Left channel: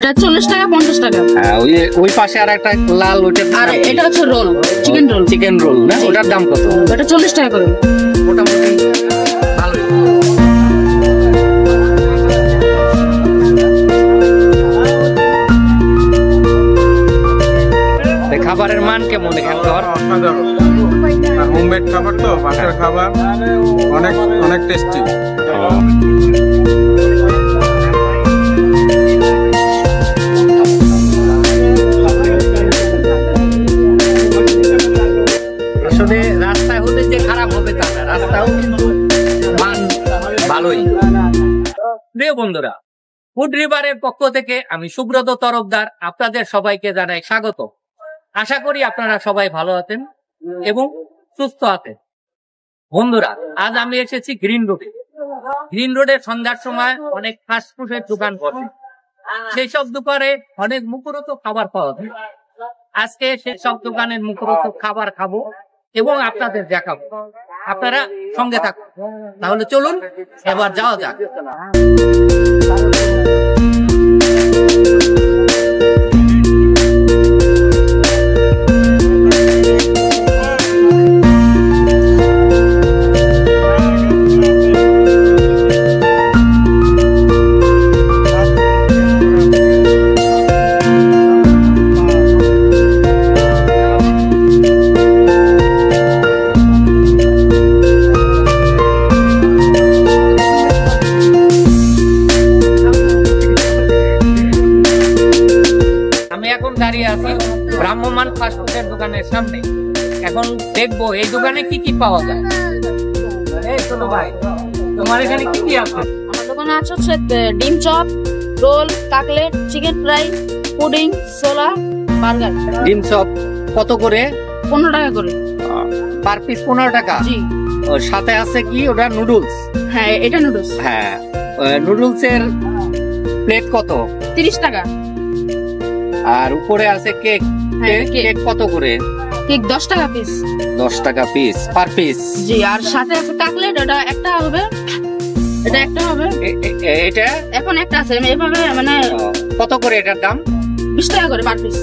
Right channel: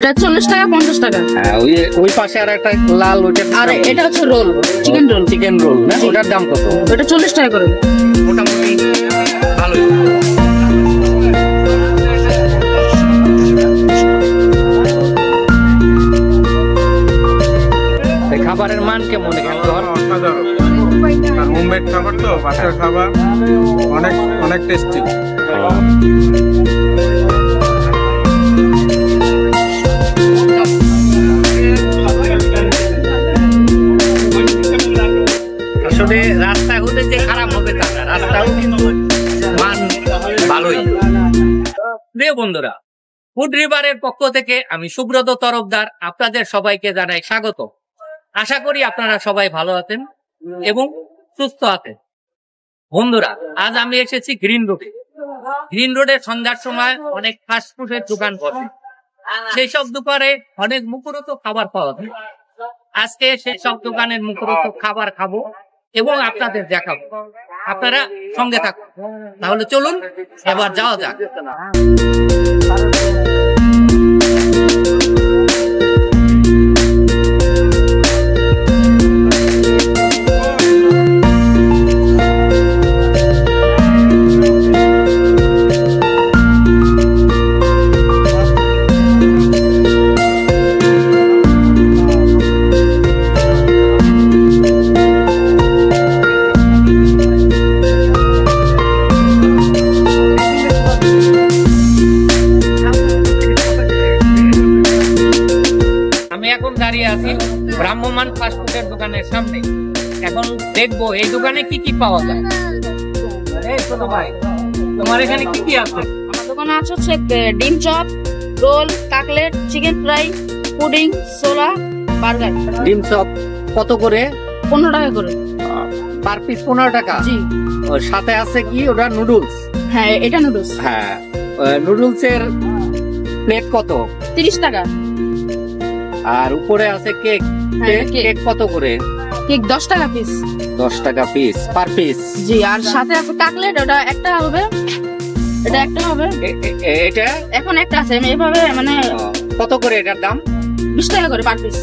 এটা 40 টাকা 50 টাকা। হ্যাঁ, ওই পাশে আর একটা লাল, ওটা আর এটা হচ্ছে roll, chicken roll. Chicken roll না, ওটার দাম কত? এটা 40 টাকা করে। মোটামুটি ভালোই। খাবারের মান কেমন এখানে? অসাধারণ, হোমমেড খাবার তো, বাসার খাবার অনেক অনেক টেস্টি। আসলে রাস্তায় হতে যে খারাপ হবে তা না, রাস্তাও কিন্তু মান ভালোই। প্রিয় বন্ধুরা, ফুড রিভারের পক্ষ থেকে আমি সুব্রত তরফদার আপনাদের সবাইকে জানাই স্বাগত। আশা করি আপনারা সবাই ভালো আছেন এবং সুস্থ আছেন। বন্ধুরা, আজ আমি এসেছি গ্রিন রোডে। গ্রিন রোডে সন্ধ্যার সময় অনেক ফাস্টফুডের দোকান বসে, সেই সব দোকানে অনেক মুখরোচক খাবার পাওয়া যায়। আজকে সেই সব দোকানের মুখরোচক খাবার খাবো এবং আপনাদের দেখাবো। আপনারা সঙ্গে থাকুন। তাহলে চলুন এবার যাওয়া যাক। এখন দাঁড়িয়ে আছি ব্রাহ্মমান ফাস্টফুডের দোকানের সামনে। এখন দেখবো এই দোকানে কি কি পাওয়া যায়। এই ছোট ভাই, তোমার এখানে কি কি আছে? আমার দোকানে আছে হচ্ছে ডিম chop, roll, cutlet, chicken fry, pudding, ছোলা, বার্গার। ডিম চপ কত করে? 15 টাকা করে পার পিস। 15 টাকা? জি। ওর সাথে আছে কি ওটা? নুডলস? হ্যাঁ, এটা নুডলস। হ্যাঁ, নুডলস এর প্লেট কত? 30 টাকা। আর উপরে আছে কেক। কেক কত করে? কেক 10 টাকা পিস। 10 টাকা পিস, পার পিস? জি। আর সাথে আছে কাটলেট, ওটা একটা হবে, এটা একটা হবে। এটা এখন একটা আছে এইভাবে, মানে কত করে এটার দাম? 20 টাকা করে পার পিস।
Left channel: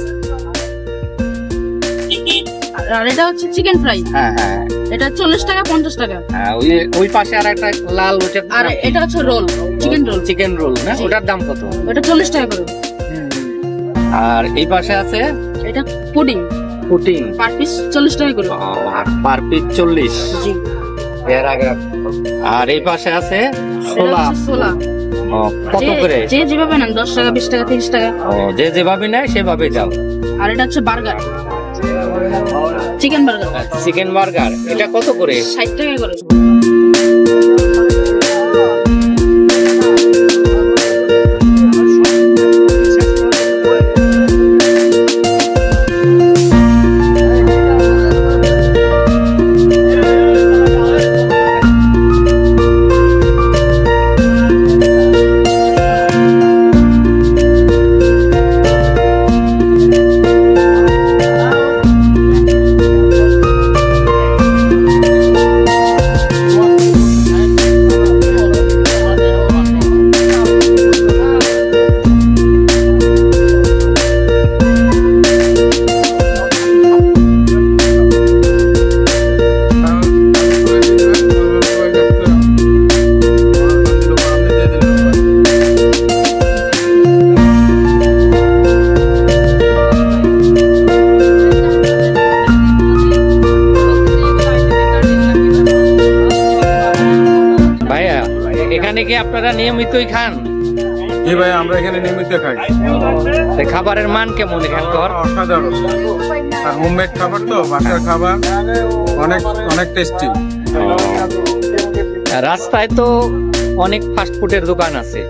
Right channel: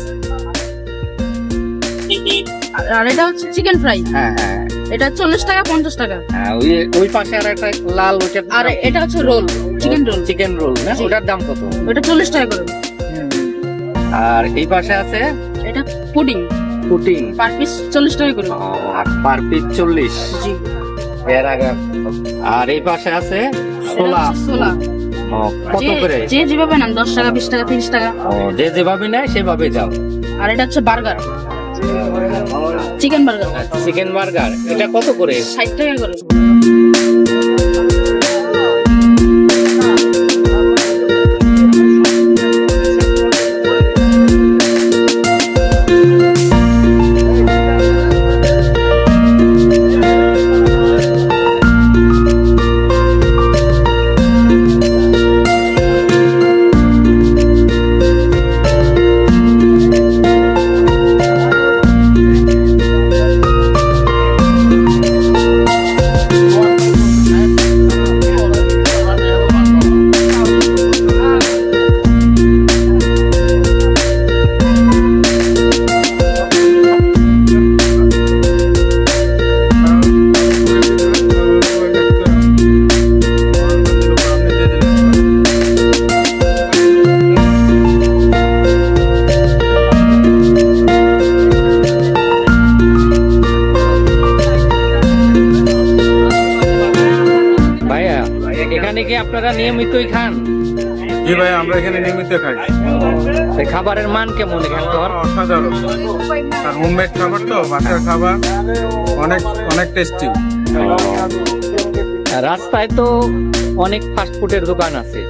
আর এটা হচ্ছে চিকেন ফ্রাই। হ্যাঁ হ্যাঁ, এটা 40 টাকা 50 টাকা। হ্যাঁ, ওই পাশে আর একটা লাল, ওটা। আর এটা হচ্ছে roll, chicken roll. Chicken roll না, ওটার দাম কত? এটা 40 টাকা করে। আর এই পাশে আছে এটা পুডিং। পুডিং পার পিস 40 টাকা করে। Per piece 40? জি। আর এই পাশে আছে ছোলা। ছোলা কত করে? যে যেভাবে নেন, 10 টাকা, 20 টাকা, 30 টাকা। যে যেভাবে নেয় সেভাবে দাও। আর এটা হচ্ছে burger, chicken burger. Chicken burger, এটা কত করে? 60 টাকা করে। এখানে কি আপনারা নিয়মিতই খান? জি ভাই, আমরা এখানে নিয়মিত খাই। খাবারের মান কেমন এখানকার? অসাধারণ, হোমমেড খাবার তো, বাসার খাবার অনেক অনেক টেস্টি। রাস্তায় তো অনেক ফাস্টফুডের দোকান আছে,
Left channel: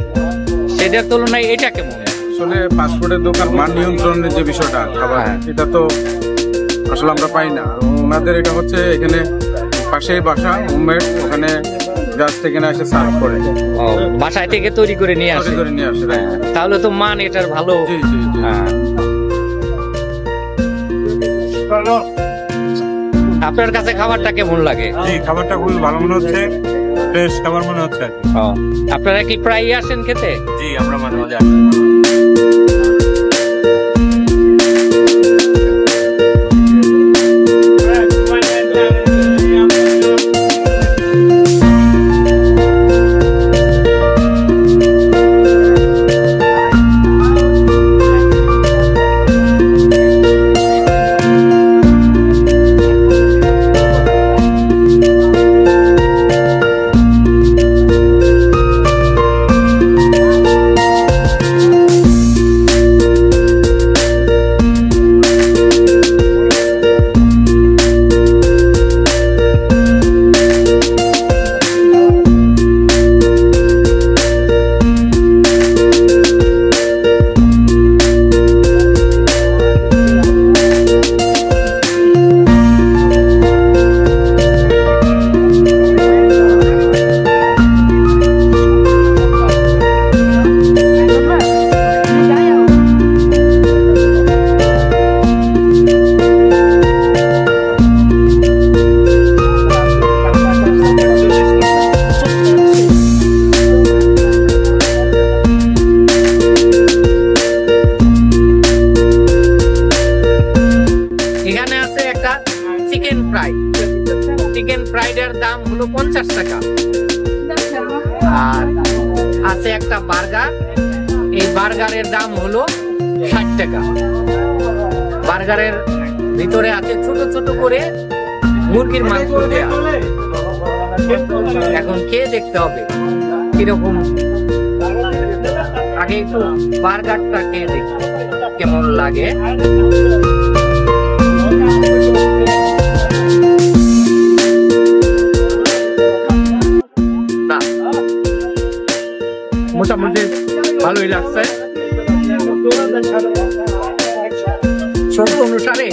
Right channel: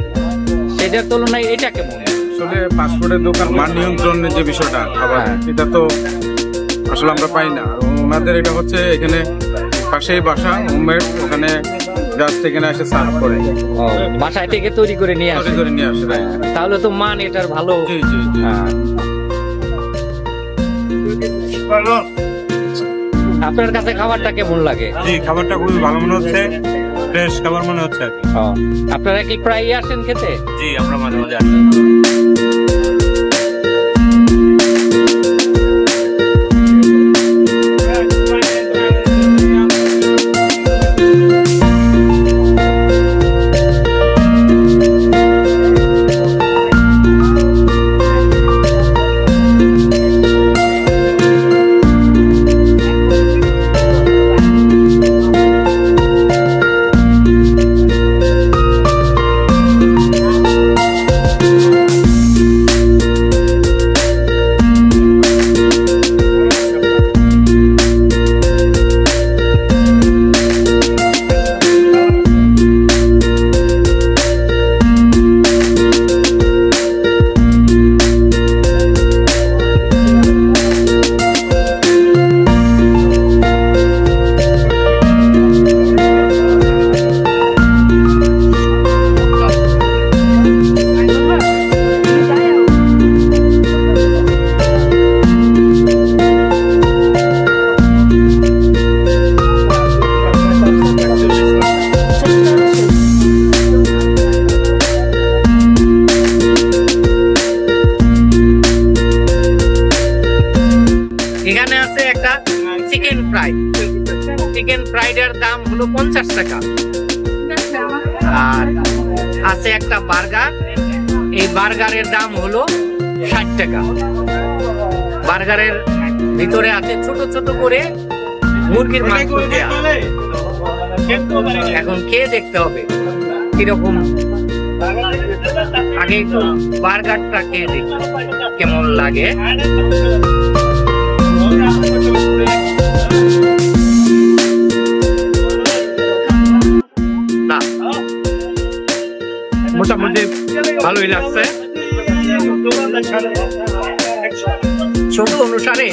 সেটার তুলনায় এটা কেমন? আসলে ফাস্টফুডের দোকান মান নিয়ন্ত্রণের যে বিষয়টা খাবার, এটা তো আসলে আমরা পাই না। ওনাদের এটা হচ্ছে এখানে পাশেই বাসা, হোমমেড, ওখানে জাস্ট এখানে এসে সার্ভ করে। বাসায় থেকে তৈরি করে নিয়ে আসে? তাহলে তো মান এটার ভালো। জি জি জি। আপনার কাছে খাবারটা কেমন লাগে? জি, খাবারটা খুবই ভালো মনে হচ্ছে। ফ্রেশ খাবার মনে হচ্ছে আর কি। আপনারা কি প্রায়ই আসেন খেতে? জি, আমরা মাঝে মাঝে আসি। এখানে আছে একটা চিকেন ফ্রাই। চিকেন ফ্রাইড এর দাম হলো 50 টাকা। আর আছে একটা বার্গার, এই বার্গারের দাম হলো 60 টাকা। বার্গারের ভিতরে আছে ছোট ছোট করে মুরগির মাংস দেয়া। এখন খেয়ে দেখতে হবে কিরকম। আগে একটু বার্গারটা খেয়ে দেখি কেমন লাগে। না, মোটামুটি ভালোই লাগছে। ছোট অনুসারে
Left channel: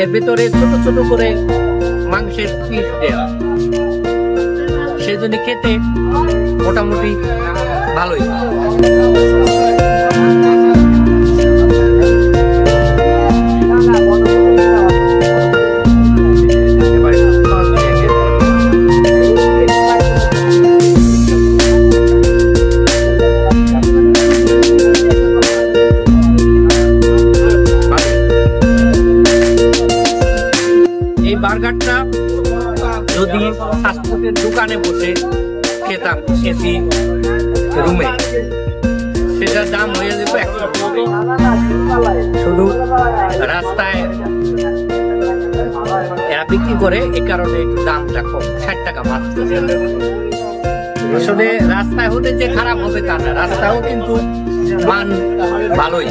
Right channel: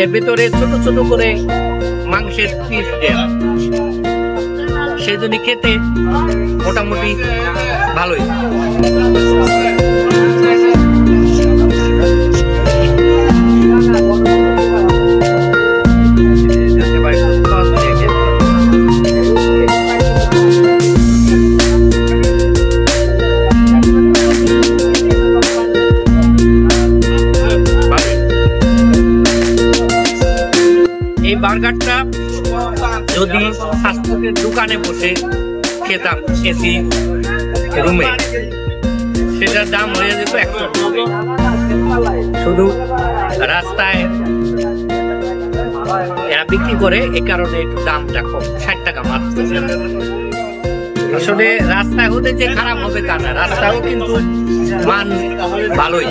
এর ভিতরে ছোট ছোট করে মাংসের পিস দেয়া, সেজন্য খেতে মোটামুটি ভালোই। এই বার্গারটা যদি ফাস্টফুডের দোকানে বসে খেতাম এসি রুমে, সেটার দাম হয়ে যেত 100 টাকা। শুধু রাস্তায় এরা বিক্রি করে, এ কারণে একটু দামটা কম, 60 টাকা মাত্র। আসলে রাস্তায় হতে যে খারাপ হবে তা না, রাস্তায়ও কিন্তু মান ভালোই।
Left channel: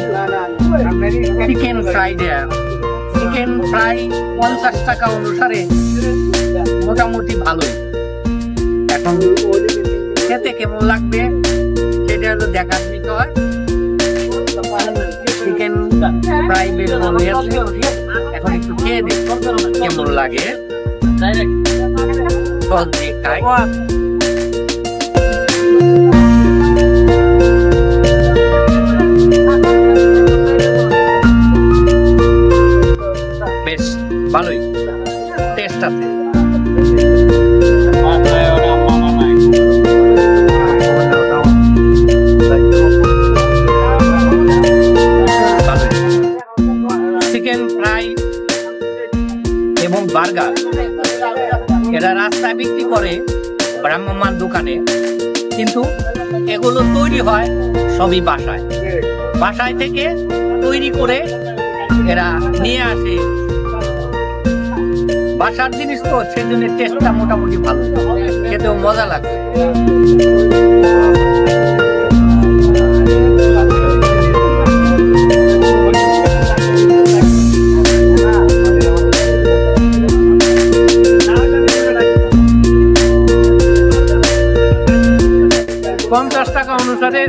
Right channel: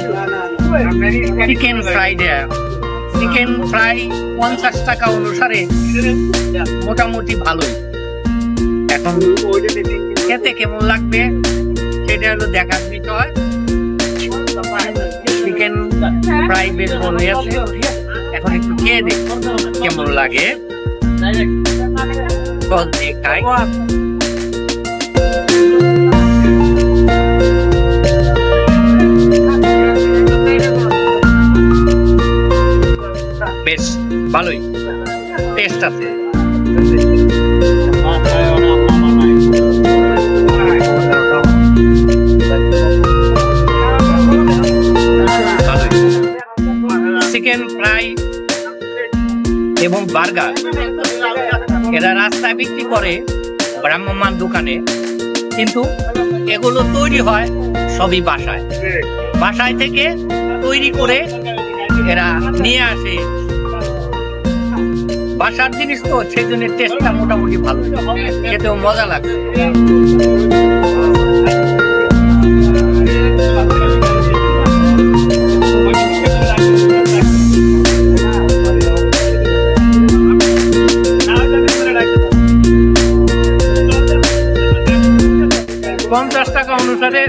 চিকেন ফ্রাইড, চিকেন ফ্রাই 50 টাকা অনুসারে মোটামুটি ভালোই। এখন খেতে কেমন লাগবে সেটা হলো দেখার বিষয়। চিকেন ফ্রাই বেশ ভালোই আছে, এখন একটু খেয়ে দেখ কেমন লাগে। সস দিয়ে খাই। বেশ ভালোই টেস্ট আছে। চিকেন ফ্রাই এবং বার্গার এরা রাস্তায় বিক্রি করে ভ্রাম্যমাণ দোকানে, কিন্তু এগুলো তৈরি হয় সবই বাসায়। বাসায় থেকে তৈরি করে এরা নিয়ে আসে। বাসার জিনিস তো, সেজন্য টেস্টটা মোটামুটি ভালো, খেতেও মজা লাগছে। $50 টাকা অনুসারে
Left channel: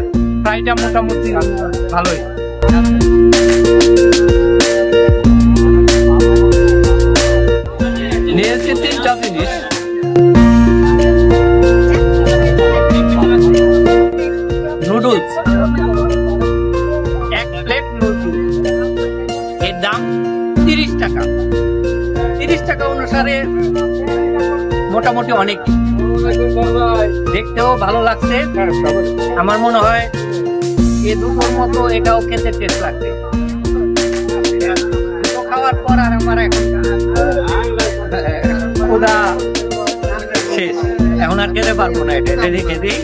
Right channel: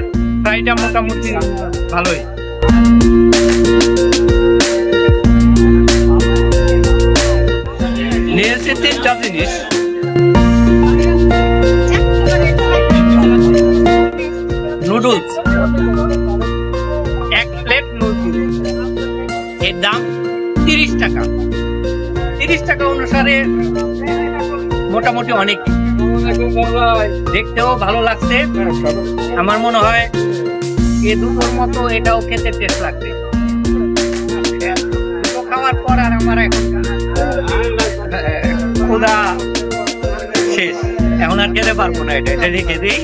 ফ্রাইটা মোটামুটি ভালোই। নিয়েছি 3টা জিনিস। নুডলস, 1 প্লেট নুডলস, এর দাম 30 টাকা। 30 টাকা অনুসারে মোটামুটি অনেক। দেখতেও ভালো লাগছে। আমার মনে হয় এ দুটোর মতো এটাও খেতে টেস্ট লাগছে। দুটো খাওয়ার পর আর আমার এখন ক্ষুধা শেষ, এখন আর খেতে পারবো না। এটা রেখে দিই।